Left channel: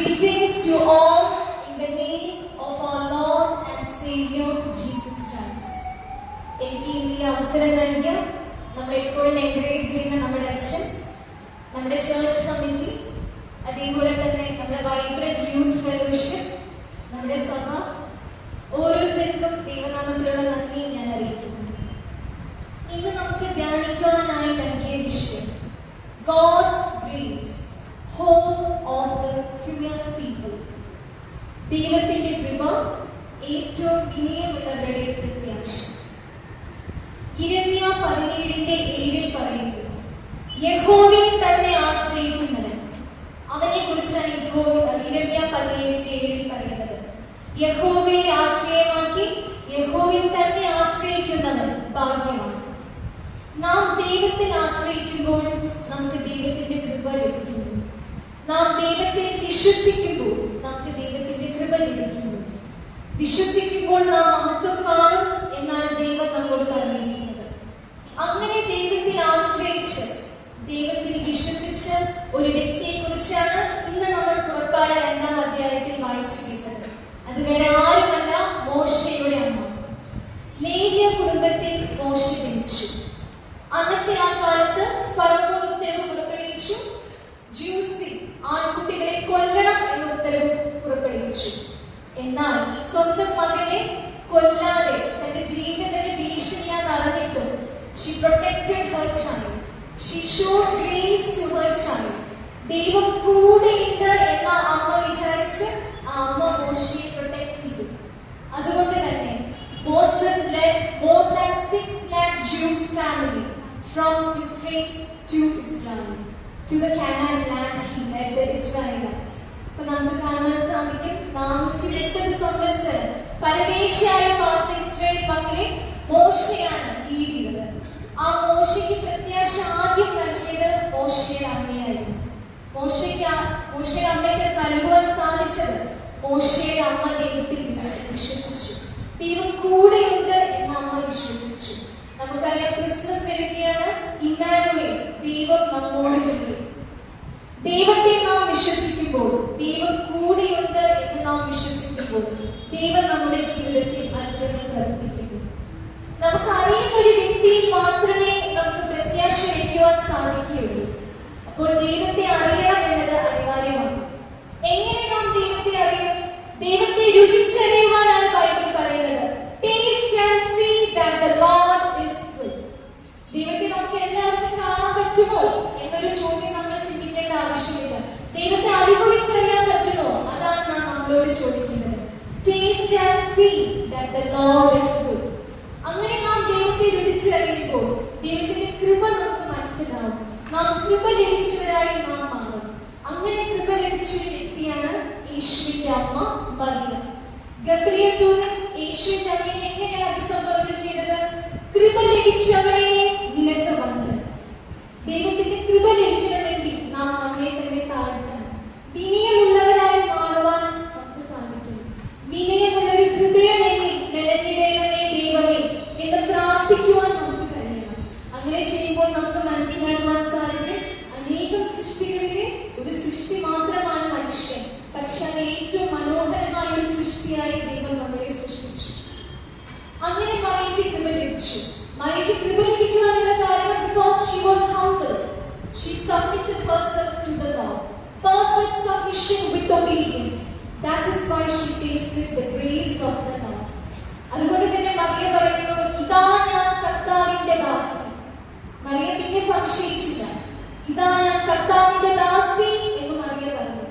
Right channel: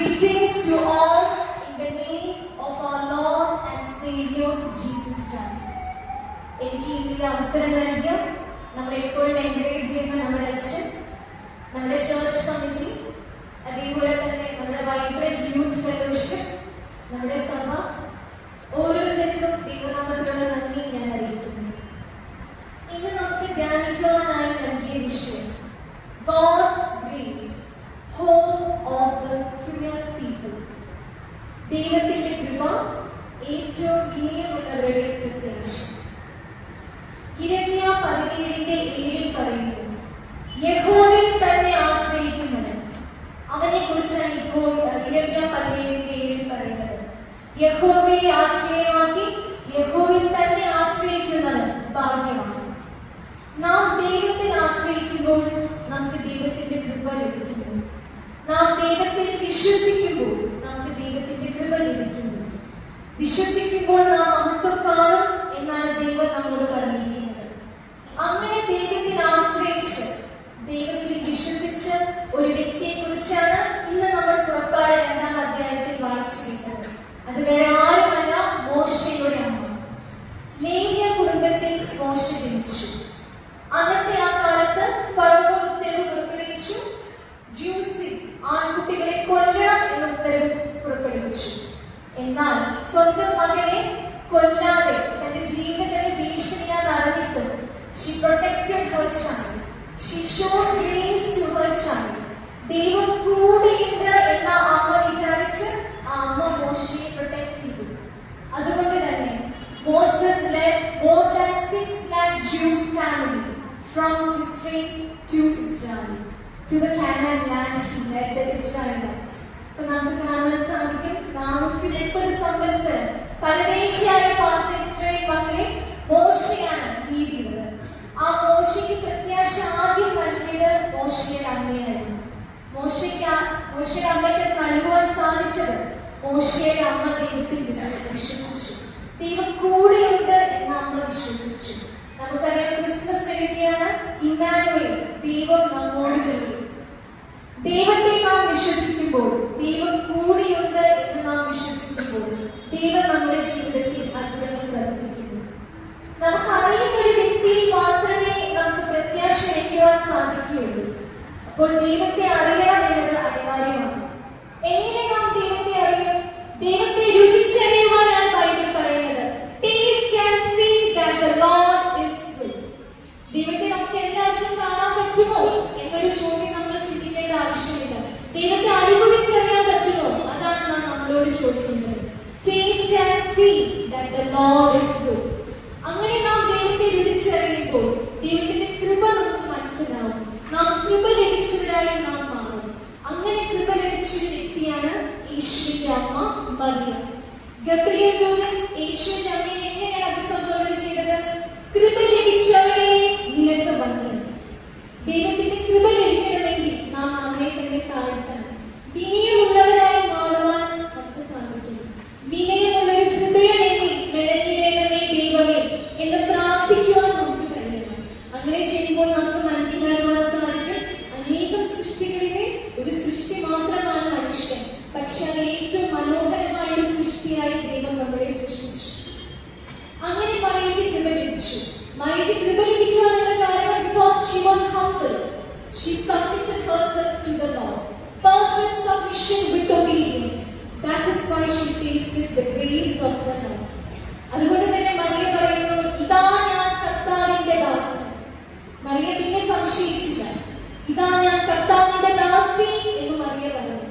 Greetings to all in the name of our Lord and Savior Jesus Christ. എനിക്ക് ഇന്ന് ഈ അവസരം നൽകിയ നമ്മളെപ്പോഴും എൻകറേജ് ചെയ്യുന്ന നമ്മുടെ അച്ഛൻ, നമ്മുടെ ചേർച്ച് കമ്മിറ്റി, അതേപോലെ തന്നെ നമ്മുടെ വൈബ്രന്റ് യൂത്ത് ഫെലോഷിപ്പ്, നമ്മുടെ സഭ, ഓരോരുത്തർക്കും ദൈവനാമത്തിലുള്ള നന്ദി ഞാൻ അറിയിക്കുന്നു. ഇന്ന് നമുക്ക് ധ്യാനിക്കുവാനായി നൽകിയ വിഷയം God's grace, home of the human people. ദൈവത്തിന്റെ കൃപ, ഏറ്റവും വിനയമുള്ളവരുടെ പ്രത്യാശ. യിരെമ്യാ 17:7 പറയുന്നു, യഹോവയിൽ തന്നെ ആശ്രയിക്കുന്നവൻ. അവനെ കുറിച്ചാണ് യിരെമ്യാ 17:7 പറയുന്നത്. യഹോവയെ ആശ്രയമാക്കി യഹോവയിൽ തന്നെ ആശ്രയിക്കുന്നവൻ ഭാഗ്യമാണ്. നാം ദൈവത്തിൽ ആശ്രയിക്കുമ്പോൾ നമുക്ക് ദൈവത്തിന്റെ കൃപ ലഭിക്കുന്നു. നാം ദൈവത്തിൽ വിശ്വസിക്കുമ്പോൾ നമുക്ക് ദൈവത്തിന്റെ കൃപ ലഭിക്കുന്നു. വിശ്വസിക്കുമ്പോൾ നാം മഹത്വം കാണും എന്നാണ് ദൈവം നമ്മോട് പറഞ്ഞിരിക്കുന്നത്. അങ്ങനെ ദൈവത്തിൽ ആശ്രയിച്ച് ദൈവത്തിൽ വിശ്വസിച്ച ഒരു വ്യക്തിയെ കുറിച്ചാണ് ഇന്ന് നമ്മൾ പുറപ്പാട് 2-ാം അധ്യായത്തിൽ വായിച്ചിരിക്കുന്നത്. അത് വേറെ ആരുമല്ല, മോശയുടെ അമ്മ. ലേവ്യ കുടുംബത്തിൽ മോശ ജനിച്ചു. അന്നത്തെ ആ കാലത്ത് ഫറവോൻ ഉത്തരവ് പുറപ്പെടുവിച്ചു, ജ്യൂസിൽ ആൺകുട്ടികളെ കൊല്ലണം എന്ന ഉത്തരവ് പുറപ്പെടുവിച്ചു. എന്നാൽ സ്വന്തം മകനെ കൊല്ലാതെ തന്റെ ജീവിതത്തിന്റെ ഭീഷണിയാന്ന് അറിഞ്ഞിട്ടും she protected her child. She showed grace to her child. ദൈവം കൂടെയുണ്ട് എന്ന അമ്മ വിചാരിച്ച് ആ അമ്മ മോശയെ പ്രൊട്ടക്ട് ചെയ്തു. അതുകൊണ്ട് തന്നെ Moses led more than 6 lakh Jews family from Israel to Israel. To the Canaan land he led the Israelites. അപ്പോൾ നമുക്ക് കാണാൻ സാധിക്കും 430 സംവത്സരം പരദേശിയായ പാർത്ത ഇസ്രായേൽ മക്കളെ മോശയാണ് ലീഡ് ചെയ്തത്. ആ മോശയ്ക്ക് പ്രത്യാശ ആദ്യം നൽകിയത് മോശയുടെ അമ്മയായിരുന്നു. മോശയുടെ അമ്മയ്ക്ക് നൽകുവാൻ സാധിച്ചത് മോശയുടെ അമ്മ ദൈവത്തിൽ വിശ്വസിച്ചു. ദൈവം കൂടെയുണ്ട് എന്ന് അമ്മ വിശ്വസിച്ചു. നമുക്കറിയാം, ക്രിസ്മസ് വരുകയാണ്, ഇമ്മാനുവേൽ, ദൈവം നമ്മോട് കൂടി. ദൈവത്തെ നാം വിശ്വസിക്കുമ്പോൾ, ദൈവം കൂടെയുണ്ട് എന്ന് നാം വിശ്വസിക്കുമ്പോൾ ദൈവം നമ്മുടെ ജീവിതത്തിൽ അത്ഭുതങ്ങൾ പ്രവർത്തിക്കുന്നു. നമുക്കറിയുന്ന ഒരു വ്യക്തിയിൽ മാത്രമേ നമുക്ക് പ്രത്യാശ വയ്ക്കുവാൻ സാധിക്കുകയുള്ളൂ. അപ്പോൾ ദൈവത്തെ അറിയാം എന്നത് അനിവാര്യമാണ്. എങ്ങനെ നാം ദൈവത്തെ അറിയും? ദൈവത്തെ രുചിച്ചറിയുവാനാണ് ബൈബിൾ പറയുന്നത്. Taste and see that the Lord is good. ദൈവത്തെ നമുക്ക് എല്ലാവർക്കും കാണാൻ പറ്റുമോ എന്നൊരു ചോദ്യം നമ്മൾ ചിന്തിക്കേണ്ട ആവശ്യമില്ല. ദൈവത്തെ അനുഭവിച്ചറിയാൻ പറ്റുമോ? അതാണ് നാം നമ്മളോട് ചോദിക്കുന്നത്. Taste and see that the Lord is good. അങ്ങനെ നാം ദൈവത്തെ രുചിച്ചറിയുമ്പോൾ ദൈവത്തിന്റെ കൃപ നമുക്ക് മനസ്സിലാവും. നാം കൃപ ലഭിച്ചവരായി നാം മാറും. അങ്ങനെ കൃപ ലഭിച്ച വ്യക്തിയാണ് യേശുവിന്റെ അമ്മ മറിയ. ഗബ്രിയേൽ ദൂതൻ യേശുവിന്റെ അമ്മയെ എങ്ങനെയാണ് അഭിസംബോധന ചെയ്തത്? കൃപ ലഭിച്ചവളെ നിനക്ക് വന്ദനം. ദൈവത്തിന്റെ കൃപ ലഭിക്കണമെങ്കിൽ നാം നമ്മെ തന്നെ താഴ്ത്തണം. വിനയമുള്ളവരായി മാറുവാൻ നമുക്ക് സാധിക്കും. വിനയമുള്ളൊരു ഹൃദയമെങ്കിൽ മെനഞ്ഞിടേണമേ ദൈവമേ എന്ന് പ്രാർത്ഥിക്കുവാൻ നമുക്ക് കഴിയണം. അങ്ങനെ ചെയ്യുമ്പോൾ നമുക്ക് മനസ്സിലാക്കുവാൻ സാധിക്കും, അനേകം സൃഷ്ടികളിലെ ഒരു സൃഷ്ടി മാത്രമാണ് മനുഷ്യൻ. പക്ഷെ അത് ഏറ്റവും മനോഹരമായ ഒരു സൃഷ്ടിയായി ദൈവം നമ്മളെ സൃഷ്ടിച്ചു. അങ്ങനെ മറിയയ്ക്ക് കൃപ ലഭിച്ചു. മറിയയ്ക്ക് കൃപ ലഭിക്കുവാനുള്ള കാരണം because she was humble. She submitted herself to the Lord. Perfect submission with obedience. That is why she tasted the grace of the Lord. അതുകൊണ്ട് തന്നെ മറിയ പറയുന്നു, ഇതാ ഞാൻ കർത്താവിന്റെ ദാസി. മറിയ പിന്നെ സംശയിച്ചില്ല. ഇതാ ഞാൻ കർത്താവിന്റെ ദാസി എന്ന് മറിയ പറഞ്ഞു.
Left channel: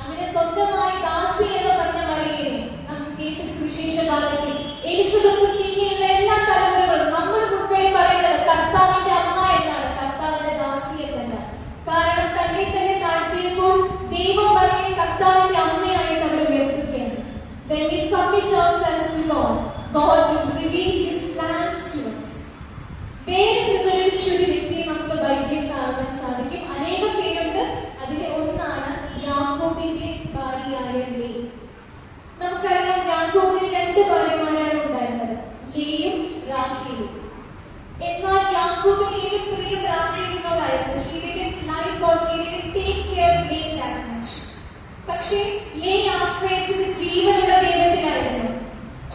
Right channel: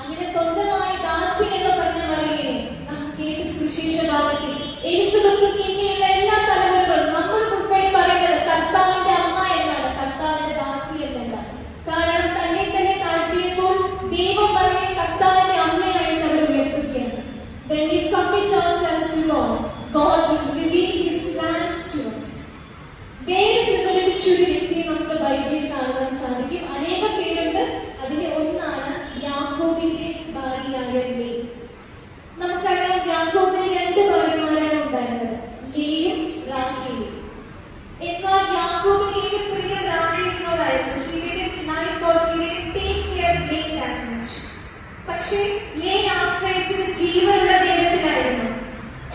അങ്ങനെ സ്വന്തമായി ദാസി എന്ന് പറഞ്ഞ മറിയയെ നാം കേട്ട് സുവിശേഷ ഭാഗത്തിൽ എലിസബത്തും പിന്നെയുള്ള എല്ലാ തലമുറകളും നമ്മൾ ഉൾപ്പെടെ പറയുന്നത് കർത്താവിന്റെ അമ്മ എന്നാണ്, കർത്താവിന്റെ ദാസി എന്നല്ല. കാരണം തന്നെ തന്നെ താഴ്ത്തിയപ്പോൾ ദൈവം മറിയയെ കർത്താവിന്റെ അമ്മയായിട്ട് അവിടെ ഉയർത്തുകയാണ്. When we submit ourselves to God, God will reveal His plans to us. വേറെ കൃപ ലഭിച്ച ഒരു വ്യക്തിയെ നമുക്ക് ബൈബിളിൽ കാണുവാൻ സാധിക്കും. അനേകം പേരുണ്ട്. അതിലെ ഒന്നാണ് യാക്കോബിന്റെ ഭാര്യയായ ലേ. നമുക്കറിയാം, യാക്കോബിന് 2 ഭാര്യമാരാണ് ഉണ്ടായിരുന്നത്, ലേയും റാഹേലും. എന്നാൽ യാക്കോബിന് ഏറ്റവും പ്രിയം റാഹേലിനോടായിരുന്നു. He didn't like or he didn't take care of Leah that much. പക്ഷേ ലേ ആശ്രയിച്ചത് ജീവനുള്ള ദൈവത്തിലായിരുന്നു.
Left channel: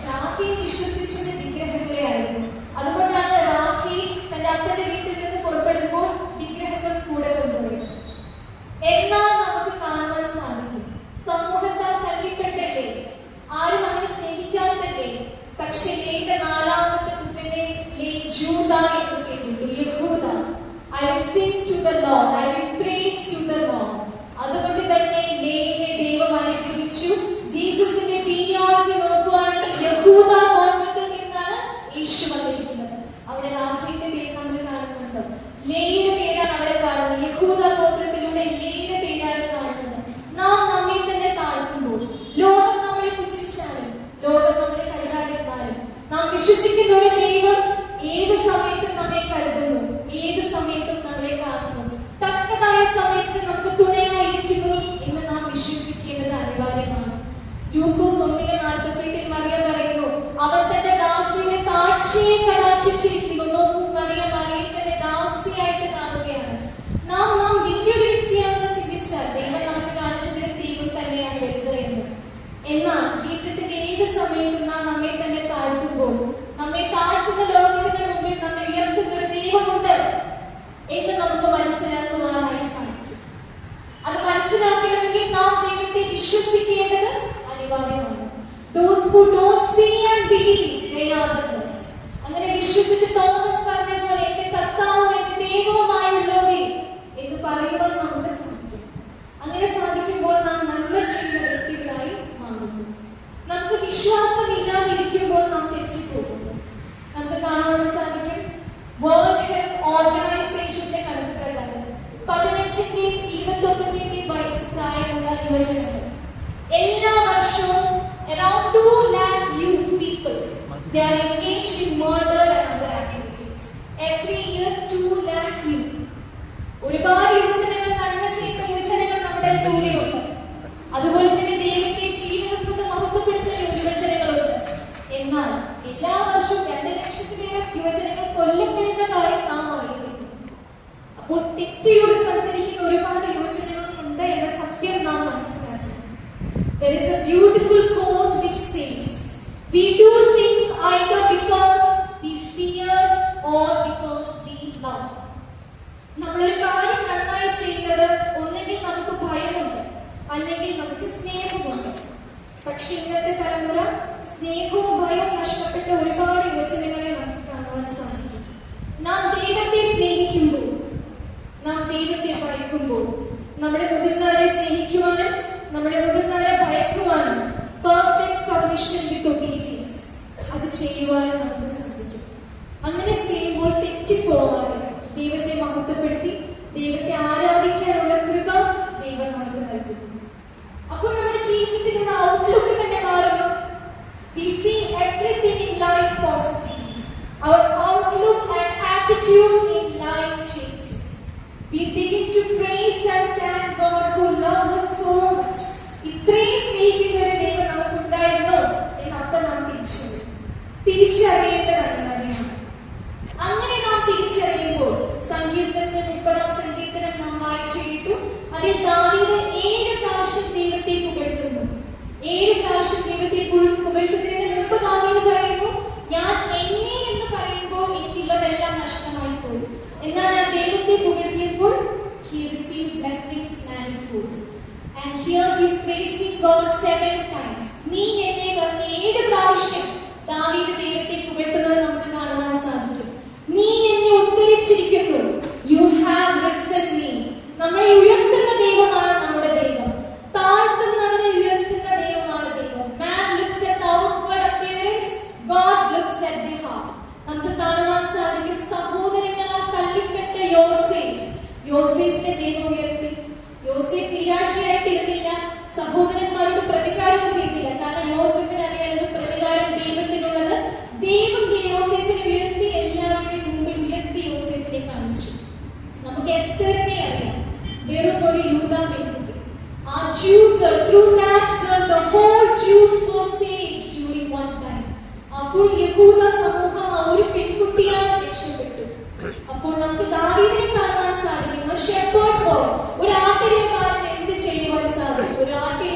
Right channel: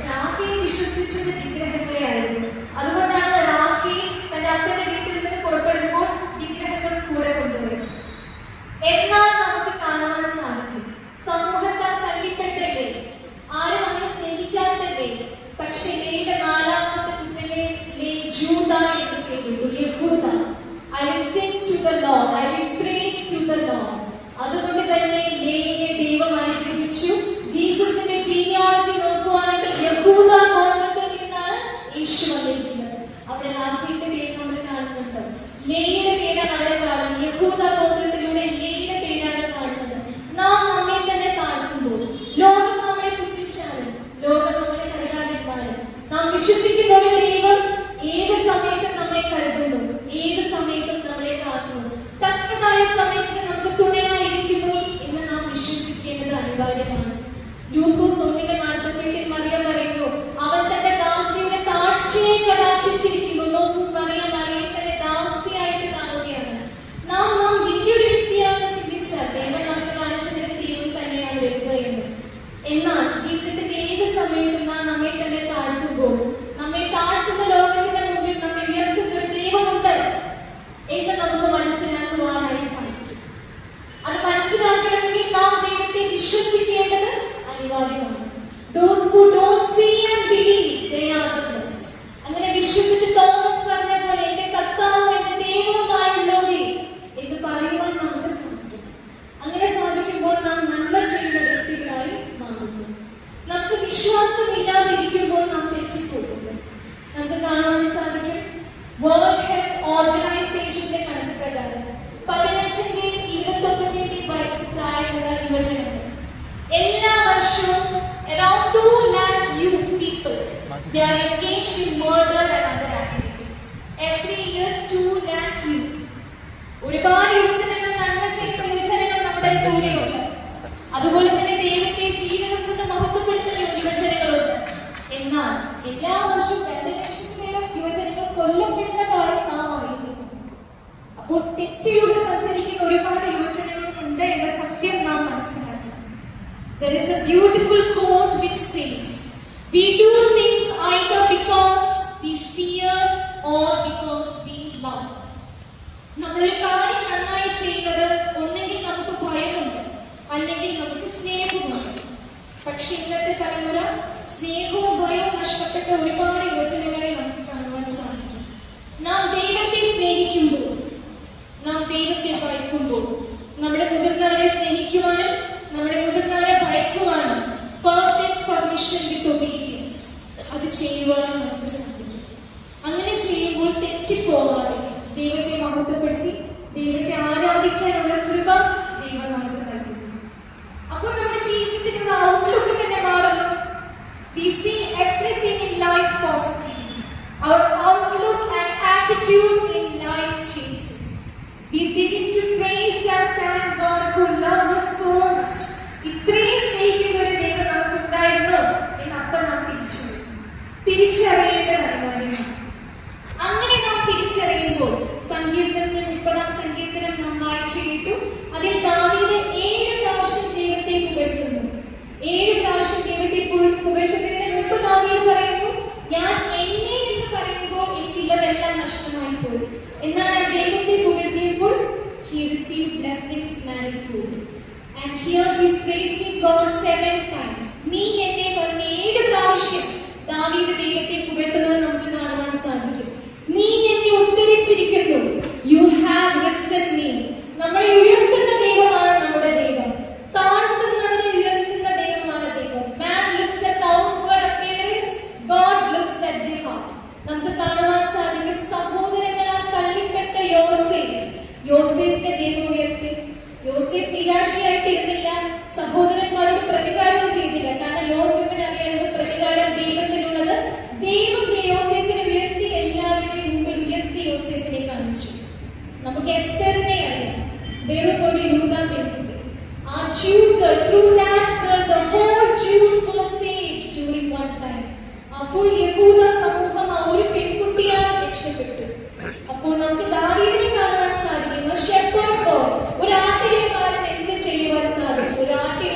റാഹേൽ വിശ്വസിച്ചത് വിഗ്രഹങ്ങളെയായിരുന്നു. അതുകൊണ്ടാണ് റാഹേൽ തന്റെ അപ്പന്റെ വീട്ടിൽ നിന്ന് പുറപ്പെടുമ്പോൾ വിഗ്രഹങ്ങൾ കൂടെ കൊണ്ടുപോയി. എന്നാൽ നമുക്ക് കാണുവാൻ സാധിക്കും, സമൂഹത്താൽ തള്ളിപ്പെട്ടല്ലേ, ആരും അങ്ങനെ സ്നേഹിക്കാത്തല്ലേ, പക്ഷെ ലേയുടെ നാലാമത്തെ പുത്രനെ ലേ ജൂദ എന്ന് പേരിട്ടു, യഹൂദ. I will sing to the Lord, I will praise to the Lord. അതുകൊണ്ട് തന്നെ ലേയെ ദൈവം അനുഗ്രഹിച്ചു. ജീസസിന്റെ ജീനിയോളജി നോക്കുവാണെങ്കിൽ യഹൂദ ഗോത്രത്തിൽ നിന്നാണ് യേശു വന്നിരിക്കുന്നത്. അവിടെ റാഹേലിന്റെ പേര് നമ്മൾ കാണുന്നുണ്ട്, ലേയുടെ പേരാണ് അവിടെ കാണുന്നത്. യഹൂദ ഗോത്രത്തിലൂടെ ലേയുടെ പേരാണ് കാണുന്നത്. നാം നമ്മെ തന്നെ താഴ്ത്തുമ്പോൾ, ലോകം നമ്മളെ പുച്ഛിച്ചാലും, ലോകം നമ്മളെ കരുതാതിരുന്നാലും, നാം വിശ്വസിക്കുന്ന ഒരു ദൈവം ഏത് സമയത്തും നമ്മെ കരുതുന്നു, ഏത് സമയത്തും നമ്മളെ കാക്കുന്നു, തക്കതായ സമയത്ത് നമുക്ക് തുണയായിരിക്കുന്നു എന്ന് നാം വിശ്വസിക്കേണ്ടത് അനിവാര്യമാണ്. ലൂക്കോസ് 1:48 മറിയ പറയുന്നു, അവൻ തന്റെ ദാസിയുടെ താഴ്ചയെ കടാക്ഷിച്ചിരിക്കുന്നു. നോക്കൂ, മറിയയെ തന്റെ ദാസിയായിട്ട് കാണുകയാണ്. നാം വലിയൊരു വ്യക്തിയാണെന്ന് ചിന്തിച്ചാൽ ദൈവം നമുക്ക് കാണിച്ചതിന് ദൈവം തന്നെയാണ് വലുത് എന്ന്. എന്നാൽ ജീവിതത്തിന്റെ ഏത് സമയത്തും നാം നമ്മെ തന്നെ താഴ്ത്തുമ്പോൾ, നമ്മെ താഴ്ത്തുന്ന ലോകത്തിന്റെ മുമ്പിൽ നമ്മെ ഉയർത്തുന്ന ഒരു ദൈവമുണ്ട് എന്ന് നമുക്ക് മനസ്സിലാക്കുവാനായി സാധിക്കും. അത് മനസ്സിലാക്കണമെങ്കിൽ നാം ദൈവത്തെ വിശ്വസിക്കേണ്ടത് അനിവാര്യമാണ്. Those who don't see and believe, they are the blessed. അങ്ങനെ വിശ്വസിച്ച് തോമസ് പറഞ്ഞ പോലെ എന്റെ കർത്താവും എന്റെ ദൈവവുമായുള്ളവേ എന്ന് പറയുവാൻ നമുക്ക് സാധിക്കും. അങ്ങനെ സാധിക്കുമ്പോൾ നാം നന്മ ചെയ്യുന്ന വ്യക്തികളായി മാറുന്നു. നമുക്ക് വിശ്വാസമില്ലാതിരിക്കുമ്പോൾ നാം തെറ്റിപ്പോകുന്നു. നമുക്ക് കാണുവാൻ സാധിക്കും, വേൾഡ് ഹെൽത്ത് ഓർഗനൈസേഷന്റെ കണക്ക് പ്രകാരം 15-ന്റെയും 21-ന്റെയും വയസ്സ് പ്രായമുള്ള യുവജനങ്ങൾ എല്ലാ വർഷവും around 2 lakh youth people, they are engaged in murder and other activities. Every year 2 lakh youth. ഒരുപാട് യുവജനങ്ങൾ, നന്മ ചെയ്യുന്ന യുവജനങ്ങൾ നമ്മുടെ കൂടെയുണ്ട്. അതുപോലെ തന്നെ ദൈവത്തെ ജീവിതം കൊണ്ട് മഹത്വപ്പെടുത്തുന്ന യുവജനങ്ങളുണ്ട്. എന്നാൽ എല്ലാ വർഷവും 2 ലക്ഷത്തിലേറെ യുവജനങ്ങൾ കൊല്ലപ്പെടുന്ന കാര്യം നാം അറിയുന്നു. അപ്പോൾ തെറ്റിയുടെ സഞ്ചരിക്കുന്ന ഒരുപാട് യുവജനങ്ങൾ ഉണ്ട് എന്ന സത്യം നാം മനസ്സിലാക്കണം. There is a beautiful quote which says, we do things either because we fear or because we love. നമ്മളൊരു കാര്യം നന്നായി ചെയ്യുന്നത് ഒന്നെങ്കിൽ നമുക്ക് ഭയമുണ്ട്, അല്ലെങ്കിൽ നമുക്ക് സ്നേഹമുണ്ട്. പക്ഷെ ഇന്നത്തെ തലമുറ സ്നേഹവും ഭയവും നഷ്ടപ്പെട്ട ഒരുപാട് യുവജനങ്ങളെ നമുക്ക് കാണുവാൻ സാധിക്കും. നാം ദൈവത്തെ സ്നേഹിക്കുമ്പോൾ, നാം ദൈവത്തെ ഭയക്കുമ്പോൾ, നമ്മുടെ മുതിർന്നവരെ സ്നേഹിക്കുവാനും നമ്മുടെ മുതിർന്നവരെ ഭയക്കുവാനും പെർഫെക്റ്റ് സബ്മിഷൻ വിത്ത് ഒബീഡിയൻസ് അത് ചെയ്യുവാനും നമുക്ക് സാധിക്കും. അങ്ങനെ ചെയ്യുമ്പോൾ തെറ്റിപ്പോവാതെ ദൈവത്തെ മഹത്വപ്പെടുത്തി ദൈവത്തെ ആരാധിക്കാനുള്ള കൃപ ദൈവം നമുക്ക് നൽകുന്നു. അപ്പോൾ നമ്മുടെ ജീവിതത്തിലുള്ള ഔട്ട്ലുക്ക് തന്നെ മാറുന്നു. We see everything in life positively. Our outlook and attitude in life changes. We begin to praise and thank God who loves us so much. ഇത്രയും സ്നേഹിക്കുന്ന ഒരു ദൈവം നമുക്കുണ്ടായിരുന്നോ എന്ന് അപ്പം നാം തിരിച്ചറിയേണ്ടത് അനിവാര്യമാണ്. അങ്ങനെ നാം തിരിച്ചറിയുമ്പോൾ സങ്കീർത്തനത്തിന്റെ 30-ാം സങ്കീർത്തനം നാം വായിച്ചു കേട്ടു. അതിൽ ദാവീദ് 7 പ്രാവശ്യം ദൈവത്തെ പുകഴ്ത്തുന്നു. 7 പ്രാവശ്യം ദൈവത്തെ പുകഴ്ത്തുന്നതിന് മുമ്പ് ദാവീദ് പറയുന്നു, ഞാൻ എന്നെ എന്ന് പറയുമ്പോൾ എനിക്കുള്ളതെല്ലാം നഷ്ടമായി പോയി. എന്നാൽ ഞാൻ ദൈവത്തെ പുകഴ്ത്തിയപ്പോൾ he received blessings manifold. And here he is praising God 7 times. നീ എന്നെ പറഞ്ഞ 7 പ്രാവശ്യം ദാവീദ് ദൈവത്തെ പുകഴ്ത്തുന്നത് നമുക്ക് കാണുവാൻ സാധിക്കും. നീ എന്നെ ഉദ്ധരിച്ചിരിക്കുന്നു. You have risen me. നമ്മളെ ഉയർത്തുന്ന ദൈവമാണ് നമ്മുടെ ദൈവം. താഴ്ത്തുന്നവരെ ഉയർത്തുന്ന ദൈവമാണ് ദൈവം. Man looks at the outward appearance, God looks at the heart. നമുക്ക് കാണുവാൻ സാധിക്കും, സഹോദരങ്ങളാൽ തള്ളിപ്പെട്ട യോസേഫിനെ ദൈവം ഉയർത്തി. യോസേഫ് നിരാശയായിട്ടിരുന്നില്ല, സഹോദരന്മാരോട് പ്രതികാരവും ചെയ്തില്ല. കാരണം യോസേഫിന് അറിയാനുള്ള പ്രതികാരം ദൈവത്തിനുള്ളത്. ദൈവം യോസേഫിനെ ഉയർത്തി, എല്ലാവരുടെയും മുമ്പിൽ ഉയർത്തി യോസേഫിനെ കാണിച്ചു. നമുക്ക് എസ്തറിനെ അറിയാം, വെറും ഒരു യൂദാ പെൺകുട്ടി. ആ Jew girl, through that girl the whole Jews were saved during one time. ആ full യഹൂദ സമൂഹം ആ ഒരു പെൺകുട്ടിയാൽ രക്ഷപ്പെട്ടു. അപ്പോൾ നമുക്ക് ദാവീദിനെ കാണുവാൻ സാധിക്കും. ഒരു ആട്ടിടയക്കാരൻ എന്ത് ചെയ്യുവാൻ സാധിക്കും? ഒരു ആട്ടിടയക്കാരൻ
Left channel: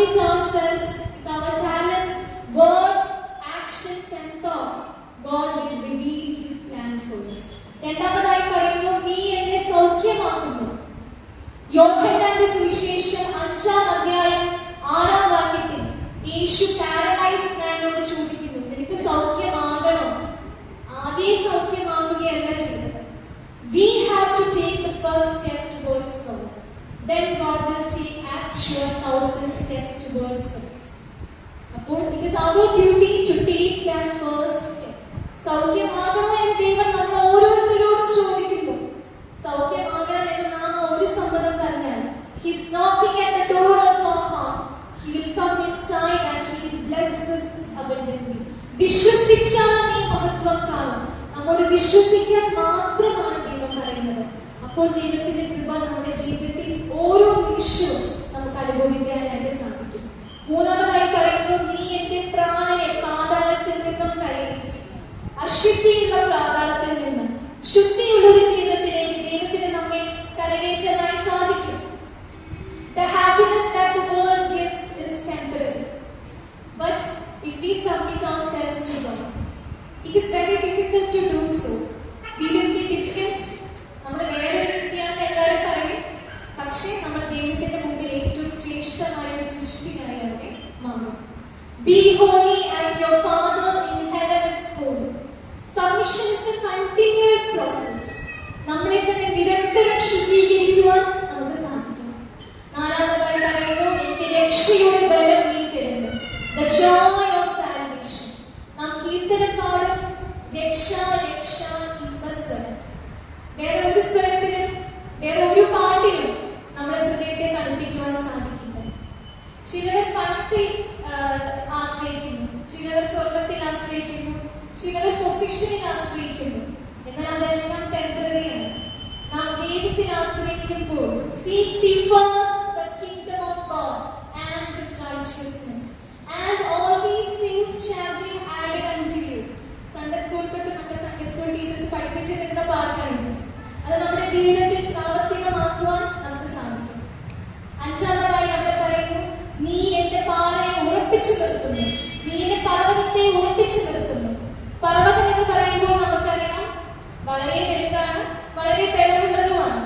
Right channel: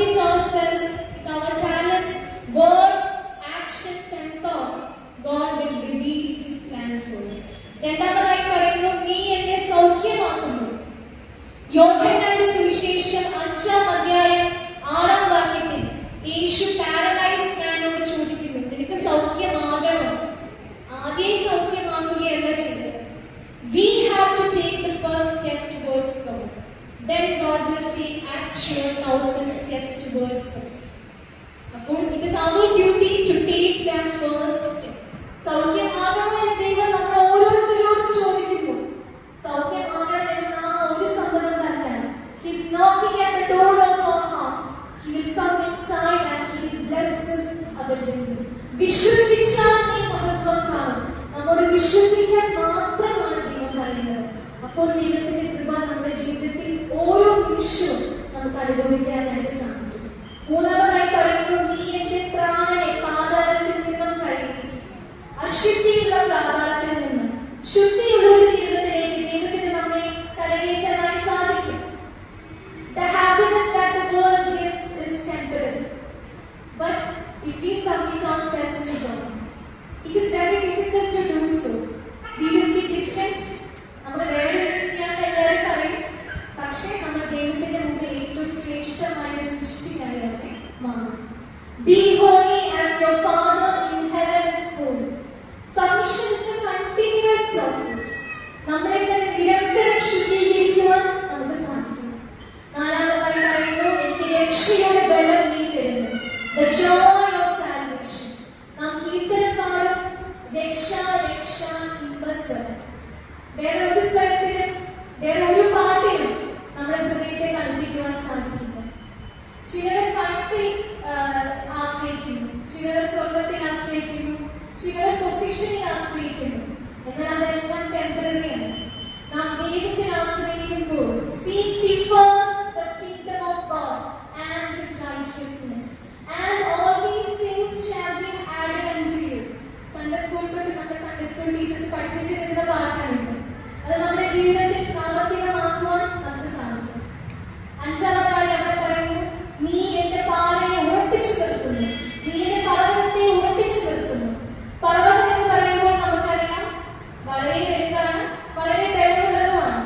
submit ourselves with our talents, words, actions and thought, God will reveal His plan for us. രണ്ടാമതായി പറയുന്നു, നീ എന്നെ സൗഖ്യമാക്കുന്നു. യോഹന്നാന്റെ സുവിശേഷം 5-ാം അധ്യായം 6-ാം വാക്യത്തിൽ യേശു പാരലൈസ്ഡ് മാനോട് ചോദിക്കുന്നു, നിനക്ക് സൗഖ്യമാകണോ? ആദ്യം സൗഖ്യമാകുകയല്ല ചെയ്തത്. We have to take the first step towards God. Then God will take as sure 1,000 steps towards us. അപ്പോൾ it is our duty to take that first step. സൗഖ്യമാകണോ എന്ന് ദൈവം നമ്മൾ ഓരോരുത്തരോടും ചോദിക്കുന്നു. സൗഖ്യമാകണം എന്ന് നാം ഒരു സമ്മതം പറഞ്ഞാൽ He is knocking at the door of our heart. He will come inside and He will bless us abundantly. വിശ്വസിച്ചാൽ നീ മഹത്വം കാണും. നമ്മോട് വിശ്വസിക്കാൻ മാത്രമാണ് ദൈവം പറയുന്നത്. അപ്പോൾ ദൈവത്തിന്റെ കൃപ നമ്മുടെ ജീവിതത്തിൽ ഓരോ നിമിഷവും നമുക്ക് അനുഭവിക്കാനായിട്ട് സാധിക്കും. മൂന്നാമതായി പറയുന്നു, നീ എന്റെ പ്രാണനെ പാതാളത്തിൽ നിന്നും കരകയറ്റി. അശുദ്ധിയുള്ള പാതാളത്തിൽ നിന്ന് ശുദ്ധിയുള്ള ഒരു ജീവിതത്തിലേക്ക് ദൈവത്തിന് നമ്മെ കരകയറ്റാനായി സാധിക്കും. The happiness that the world gives is temporary, but if we submit ourselves to God, it is very difficult to do so. We will be different. നമ്മൾ വേറെ വ്യക്തിയാണെന്ന് എല്ലാവരും പറയും, പക്ഷേ നമ്മൾ ദൈവത്തിന്റെ മുമ്പിൽ ഏറ്റവും ശ്രേഷ്ഠമായ സൃഷ്ടിയായി അവിടെ മാറും. Be holy as your Father in heaven is holy. Submission is a continuous process. നമ്മളെ തന്നെ നിരന്തരം ശുദ്ധീകരിക്കുവാൻ നമുക്ക് സാധിക്കും. നാലാമതായി പറയുന്നു, എനിക്ക് രക്ഷയുടെ ബലം നീ തരുന്നു. The joy of salvation. നാം കീർത്തനം പാടും, രക്ഷ രക്ഷ എന്ന സ്വരം. വേറെ ഒരു സ്വരത്തിനും വേറെ ഒരു പാട്ടിനും നമ്മുടെ ഹൃദയത്തെ തണുപ്പിക്കുവാൻ സാധിക്കില്ല. ചിലർ പണത്തിൽ ആശ്രയിക്കുന്നു, ചിലർ സ്വർഗത്തിൽ ആശ്രയിക്കുന്നു, ചിലർ പൊസിഷനിൽ ആശ്രയിക്കുന്നു. എന്നാൽ അതെല്ലാം ടെമ്പററിയാണ്. നാം ദൈവത്തിൽ ആശ്രയിക്കുമ്പോൾ seek ye first the kingdom of God and His righteousness, and all these things shall be added unto you. Sunday school തൊട്ട് നമ്മുടെ സൺഡേ സ്കൂൾ ടീച്ചേഴ്സ് പഠിപ്പിച്ചു തരുന്ന പാട്ടാണ്. അത് നമ്മുടെ ജീവിതത്തിൽ പ്രാവർത്തികമാക്കുവാൻ നമുക്ക് സാധിക്കും. അഞ്ചാമതായി അവിടെ പറയുന്നു, നീ എന്റെ പാറയെ ഉറപ്പിച്ചു നിർത്തുന്നു. നീ എന്റെ പർവ്വതത്തെ ഉറപ്പിച്ചു നിർത്തുന്നു. പർവ്വതം എന്ന് പറയുമ്പോൾ നമുക്കറിയാം വളരെ വലുതാണ്, വളരെ ബലമുള്ളതുമാണ്.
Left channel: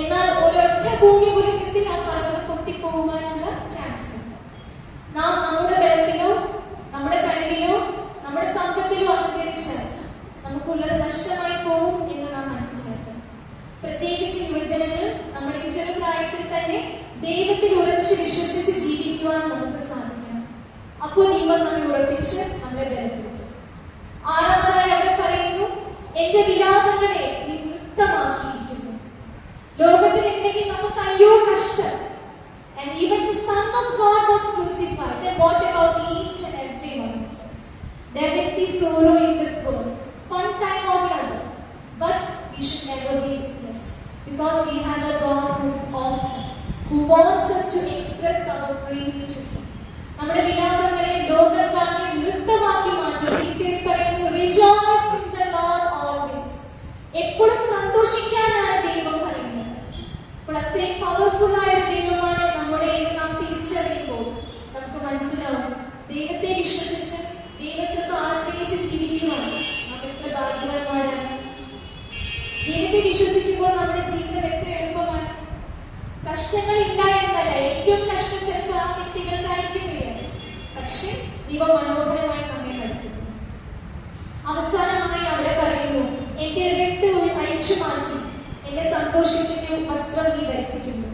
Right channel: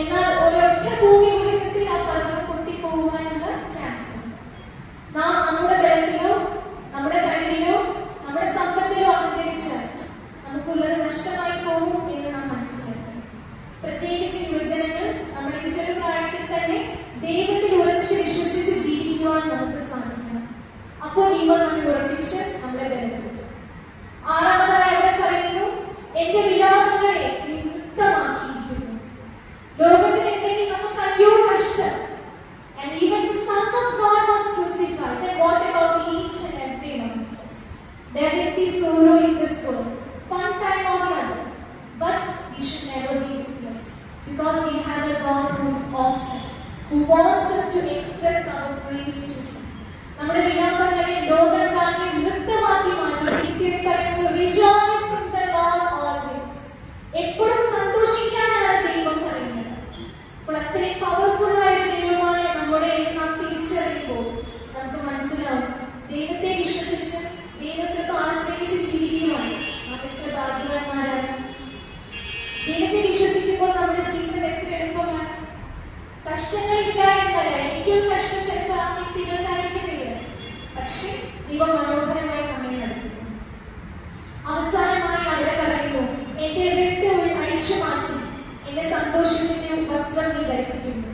എന്നാൽ ഒരൊറ്റ ഭൂമി കുലുക്കത്തിൽ ആ പർവ്വതം പൊട്ടിപ്പോകുവാനുള്ള ചാൻസ് ഉണ്ട്. നാം നമ്മുടെ ബലത്തിലോ നമ്മുടെ കഴിവിലോ നമ്മുടെ സമ്പത്തിലോ അഹങ്കരിച്ചാൽ നമുക്കുള്ളത് നഷ്ടമായി പോകും എന്ന് നാം മനസ്സിലാക്കണം. പ്രത്യേകിച്ച് യുവജനങ്ങൾ നമ്മുടെ ഈ ചെറുപ്രായത്തിൽ തന്നെ ദൈവത്തിൽ ഉറച്ച് വിശ്വസിച്ച് ജീവിക്കുവാൻ നമുക്ക് സാധിക്കണം. അപ്പോൾ ദൈവം നമ്മെ ഉറപ്പിച്ച് നമ്മളെ ബലപ്പെടുത്തും. ആറാമതായി അവിടെ പറയുന്നു, എന്റെ വിലാപങ്ങളെ നീ നൃത്തമാക്കിയിരിക്കുന്നു. ലോകത്തിലുണ്ടെങ്കിൽ നമുക്ക് അയ്യോ കഷ്ടം. And even the Son of God was crucified. Then what about each and every one of us? There will be sorrow in this world, one time or the other. But we should never be depressed, because we have a God who is awesome, who wants us to express our praise to Him. നമ്മുടെ വിലാപങ്ങളെ ലോകം കാണി നൃത്തമാക്കി മാറ്റും. പറയുന്നു, rejoice in the Lord always. എപ്പോഴും സന്തോഷിക്കാനാണ് ദൈവം പറയുന്നത്. അപ്പോൾ അത്രയും പവർഫുൾ ആയ ദൈവമാണ് നമ്മുടെ എന്ന് നാം തിരിച്ചറിയുമ്പോൾ നമുക്ക് മനസ്സിലാവും, ദൈവത്തെ വിശ്വസിച്ച് ദൈവത്തെ ആശ്രയിച്ച് ജീവിക്കുകയാണ് നാം എത്ര ഭാഗ്യവാന്മാരാണ്. ദൈവത്തെ വിശ്വസിക്കുമ്പോൾ നമ്മുടെ ജീവിതം എത്ര എളുപ്പമാണ്. കഷ്ടങ്ങളില്ല എന്നല്ല, ഏറ്റവും കഷ്ടം ചിലപ്പോൾ ആ വ്യക്തികൾക്കായിരിക്കുമില്ല, പക്ഷെ ദൈവം മനോഹരമായി നമ്മെ നടത്തുന്നു. അവസാനമായി അവിടെ പറയുന്നു, എന്റെ രട്ട് അഴിച്ചു മാറ്റി എന്റെ സന്തോഷത്തിന്റെ വസ്ത്രം നീ ധരിപ്പിക്കുന്നു.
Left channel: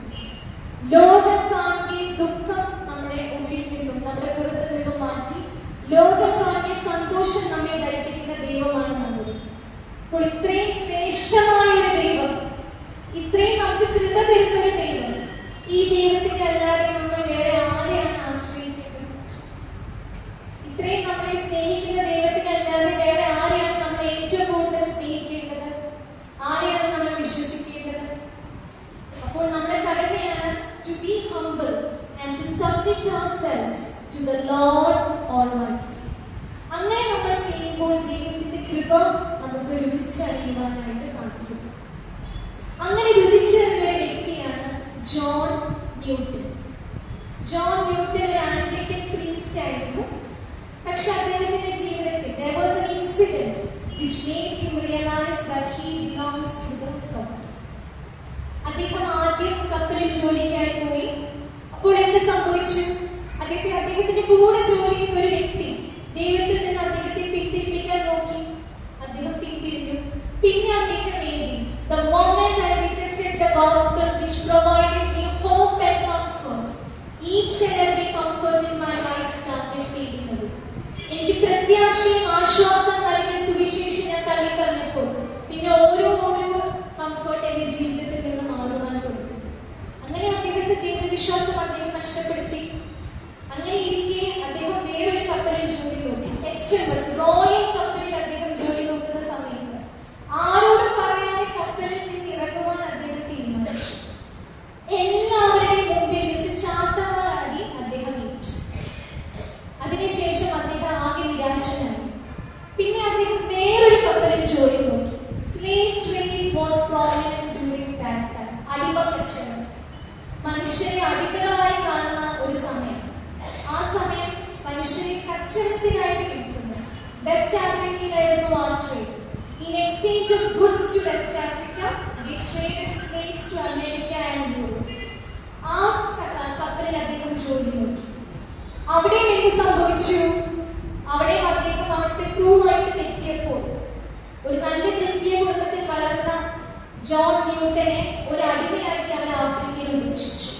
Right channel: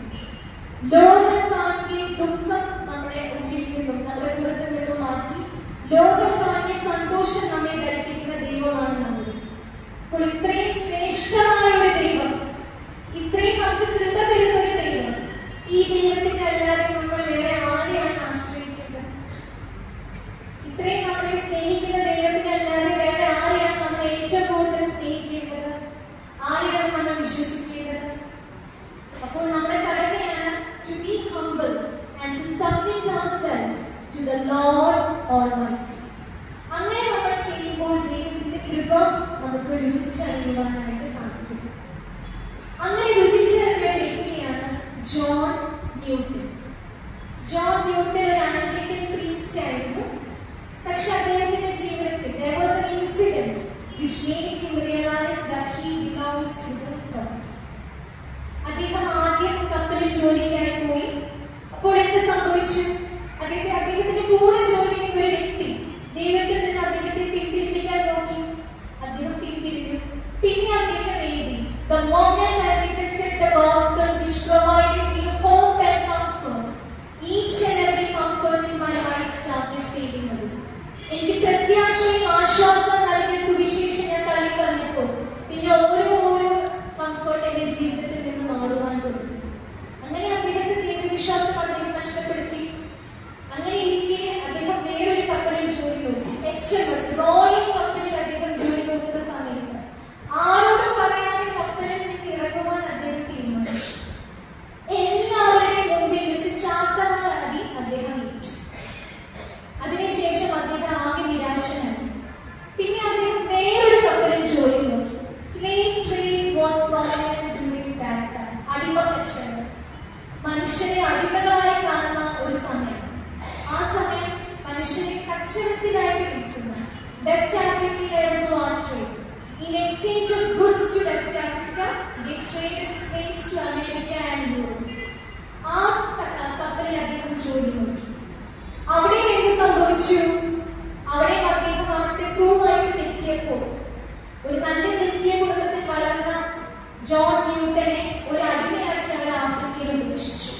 ലോകം കാണുകയെ ദുഃഖം നമ്മുടെ ഉള്ളിൽ നിന്നും നമ്മുടെ പുറത്തു നിന്നും മാറ്റി ലോകം കാണുകയെ സന്തോഷം നമ്മെ ധരിപ്പിക്കുന്ന ദൈവമാണ് നമ്മുടെ. അപ്പോൾ ഇത്രയും ശ്രേഷ്ഠമായ ഒരു ദൈവം, ഇത്രയും നമുക്ക് കൃപ തരുന്ന ഒരു ദൈവം, ഈ ദൈവത്തിന്റെ അല്ലാതെ നമ്മൾ വേറെ ആരെയാണ് ആശ്രയിക്കേണ്ടത്? ഇത്രയും നമ്മളെ സ്നേഹിക്കുന്ന ദൈവത്തിന്റെ അല്ലാതെ വേറെ ആരെയാണ് നമ്മൾ ഏറ്റവും കൂടുതൽ സ്നേഹിക്കേണ്ടത്? ആരെയാണ് നമ്മൾ വിശ്വസിക്കേണ്ടത്? അപ്പോൾ നമ്മുടെ കടമയാണ് to be humble and to submit ourselves to the Lord Almighty. അങ്ങനെ നമ്മൾ ചെയ്യുമ്പോൾ ദൈവത്തിന്റെ കൃപ നമുക്ക് രുചിച്ചറിയുവാനായിട്ട് സാധിക്കും. അങ്ങനെ രുചിച്ചറിയ വ്യക്തിയാണ് ജോൺ ന്യൂട്ടൺ. ജോൺ ന്യൂട്ടൺ ഒരു ആംഗ്ലിക്കൻ പ്രീസ്റ്റ് ആയിരുന്നു. പക്ഷെ അദ്ദേഹത്തിന്റെ ജീവിതത്തിൽ there was an incident which made him realize that he belongs to the God. അദ്ദേഹം ആദ്യം കപ്പലിൽ ജോലിക്കായി പോയി. അപ്പോൾ എന്ത് സംഭവിച്ചു? അദ്ദേഹത്തിന്റെ കൂടെ ജോലി ചെയ്യുന്ന ഒരു വ്യക്തി ദൈവത്തിൽ നിന്ന് അദ്ദേഹത്തെ പിന്തിരിപ്പിക്കാൻ നോക്കി. അദ്ദേഹം പിന്തിരിഞ്ഞു. പിന്നെ അദ്ദേഹം എഴുതി, the moment I rejected the gospel which provided me hope and comfort, each and every comfort in my life started fading away. എനിക്ക് പ്രത്യാശയും ആശ്വാസം നൽകിയ സുവിശേഷം ഞാൻ തള്ളിപ്പറഞ്ഞപ്പോൾ പിന്നെ ഓരോ കംഫർട്ട് എന്റെ ജീവിതത്തിൽ നിന്ന് മാറുവാൻ തുടങ്ങി. അങ്ങനെ അദ്ദേഹത്തെ ദൈവവിശ്വാസം അദ്ദേഹം നഷ്ടപ്പെടുത്തി. അങ്ങനെ ഇരിക്കെ അദ്ദേഹം വേറൊരു കപ്പലിൽ ജോലി നോക്കി. HMS റോയൽ കപ്പലിൽ അദ്ദേഹം ജോലി നോക്കുന്ന സമയത്ത് ആരോടും പറയാതെ കപ്പലിൽ നിന്ന് ഇറങ്ങുവാൻ അദ്ദേഹം തീരുമാനിച്ചു. എല്ലാവരുടെയും മുമ്പിൽ വെച്ച് ചാട്ടവാറാടി അദ്ദേഹം ഏറ്റു. അതിനുശേഷം അദ്ദേഹം ആകെ നിരാശനായി. പിന്നെ അദ്ദേഹം വേറൊരു കപ്പലിൽ ജോലി നോക്കി. Slave trade was prominent during that time. അടിമ കച്ചവടം മനുഷ്യരെ അടിമകളായി കാണുന്ന ഒരു സമയം. ആ സമയം മനുഷ്യരെ കച്ചവടത്തിലായിട്ട് വിൽക്കുന്നു. വെസ്റ്റ് ആഫ്രിക്കയിലായിരുന്നു ആ trade. In exchange of goods to West Africa, they traded slaves to America and Europe. ആ കപ്പലിൽ അദ്ദേഹം ജോലി നോക്കി. അവിടെ എന്ത് സംഭവിച്ചു? അവിടെ അദ്ദേഹം അവിടുത്തെ ക്രൂ ആയിട്ട് തെറ്റിയപ്പോൾ ഒരു നല്ല ക്രിസ്തീയ കുടുംബത്തിൽ വളർന്ന ജോൺ ന്യൂട്ടനെ ഒരു അടിമയാക്കി അവർ ആഫ്രിക്കയിൽ ഉപേക്ഷിച്ചു.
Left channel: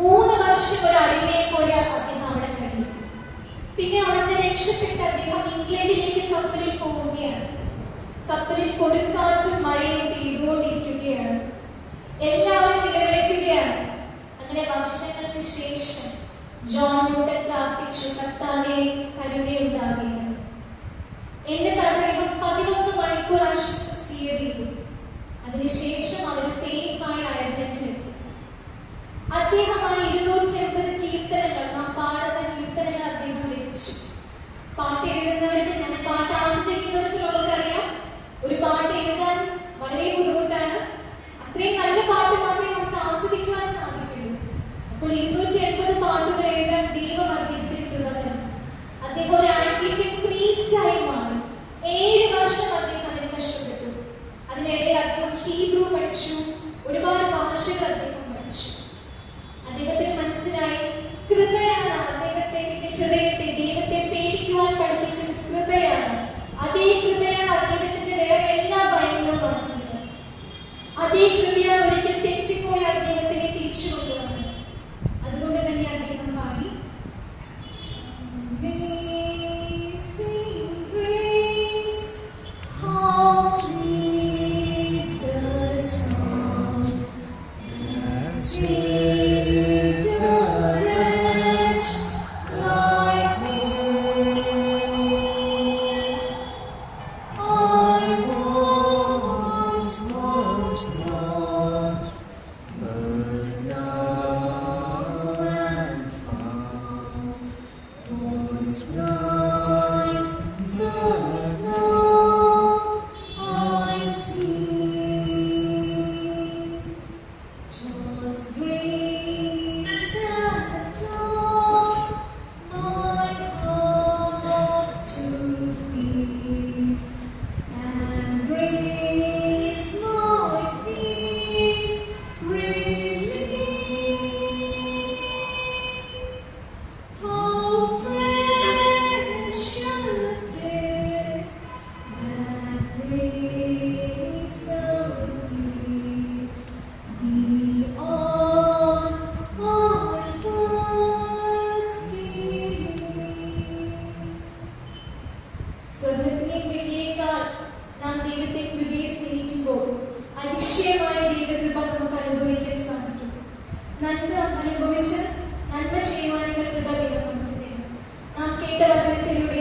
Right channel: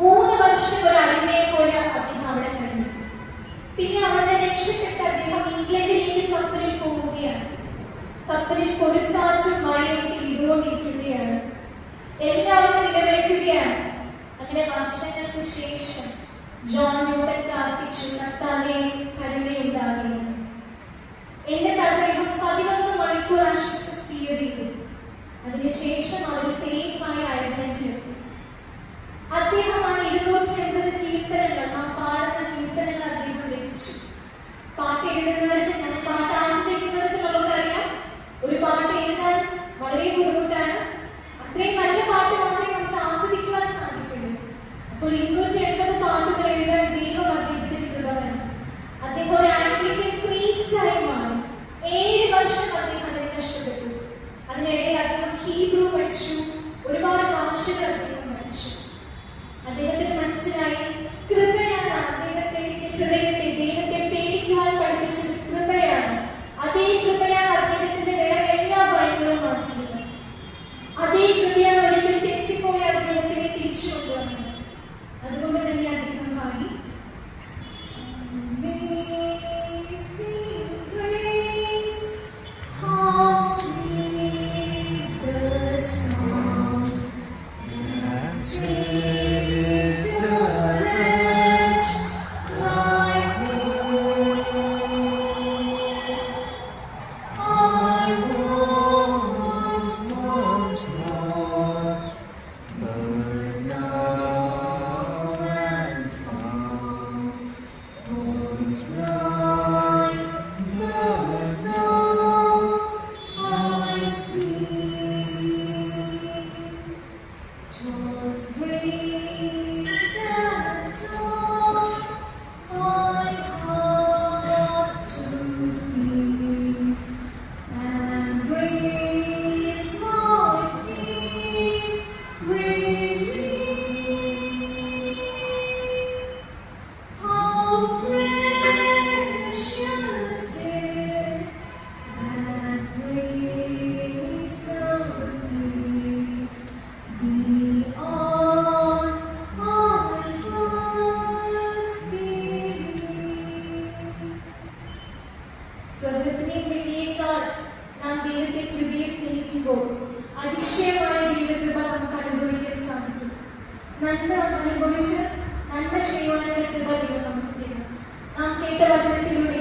3 വർഷം ഒരു അടിമയെ പോലെ അദ്ദേഹം അവിടെ കഴിഞ്ഞു. പിന്നെ അവിടുന്ന് രക്ഷപ്പെട്ട് അദ്ദേഹം ഇംഗ്ലണ്ടിലേക്ക് കപ്പലിൽ പോവുകയാണ്. കപ്പലിൽ കൊടുങ്കാറ്റും മഴയും പെയ്തുകൊണ്ടിരിക്കുകയാണ്. എല്ലാവരും നിലവിളിക്കുകയാണ്. അങ്ങനെ വർഷങ്ങൾക്ക് ശേഷം ജോൺ ന്യൂട്ടൻ പ്രാർത്ഥിച്ചു, കർത്താവേ കരുണയുണ്ടാകേണ്ടത്. എന്നിട്ട് അദ്ദേഹം 11 മണിക്കൂർ ആ ഷിപ്പ് സ്റ്റീർ ചെയ്തു. അതിനുശേഷം അവർ സേഫായി അയർലൻഡിലെത്തി. അദ്ദേഹമാണ് 280 കീർത്തനങ്ങൾ, നാം പാടുന്ന കീർത്തനങ്ങൾ അദ്ദേഹം രചിച്ചു. പാട്ട് എഴുതുന്നവർക്ക്, പാട്ട് ആസ്വദിക്കുന്നവർക്ക് നമുക്കറിയാം, ഒരു പാട്ട് എഴുതാൻ വളരെ ബുദ്ധിമുട്ടാണ്. അത്രയും നല്ല പാട്ട് മാത്രമേ നമുക്ക് ആസ്വദിക്കുവാൻ സാധിക്കുള്ളൂ. അപ്പോൾ 280 പാട്ടുകൾ എഴുതാൻ ദൈവം അദ്ദേഹത്തിന് കൃപ തന്നു. അദ്ദേഹം ഒരു ആംഗ്ലിക്കൻ പ്രീസ്റ്റായി മാറി. 7 വർഷം അദ്ദേഹം അതിന് കഷ്ടപ്പെട്ടു. അതിനിടയിൽ അദ്ദേഹം ഹീബ്രു പഠിച്ചു. ഒരുപാട് ഭാഷകൾ അദ്ദേഹം പഠിച്ചു. അദ്ദേഹത്തിന് മനസ്സിലായി, കൃപയാണ് അദ്ദേഹത്തെ ഹൃദയത്തെ ദൈവത്തെ പേടിക്കുവാൻ പഠിപ്പിച്ചത്. കൃപയാണ്. അതേ കൃപയാണ് അദ്ദേഹത്തിന്റെ വേറെ എല്ലാ ഭയങ്ങളും മാറ്റിയത്. അതേ കൃപയാണ് ഒരിക്കൽ തെറ്റിപ്പോയ അദ്ദേഹത്തിനെ തിരിച്ചു കൊണ്ടുവന്നത്. അതുകൊണ്ട് തന്നെ അദ്ദേഹം പാടി, സ്വർഗത്തിനെയും വെള്ളിയേക്കാൾ നാം ദൈവത്തെ കൃപയെ സ്നേഹിക്കുമ്പോൾ അതിശയമായ ദൈവകൃപ നമുക്ക് അനുഭവിക്കാൻ സാധിക്കും. നന്മ അനുഭവിച്ച് നന്മ ചെയ്യുവാനുള്ള കൃപ ദൈവം നമുക്ക് തരും. നാം കേട്ട വചനത്തിലൂടെ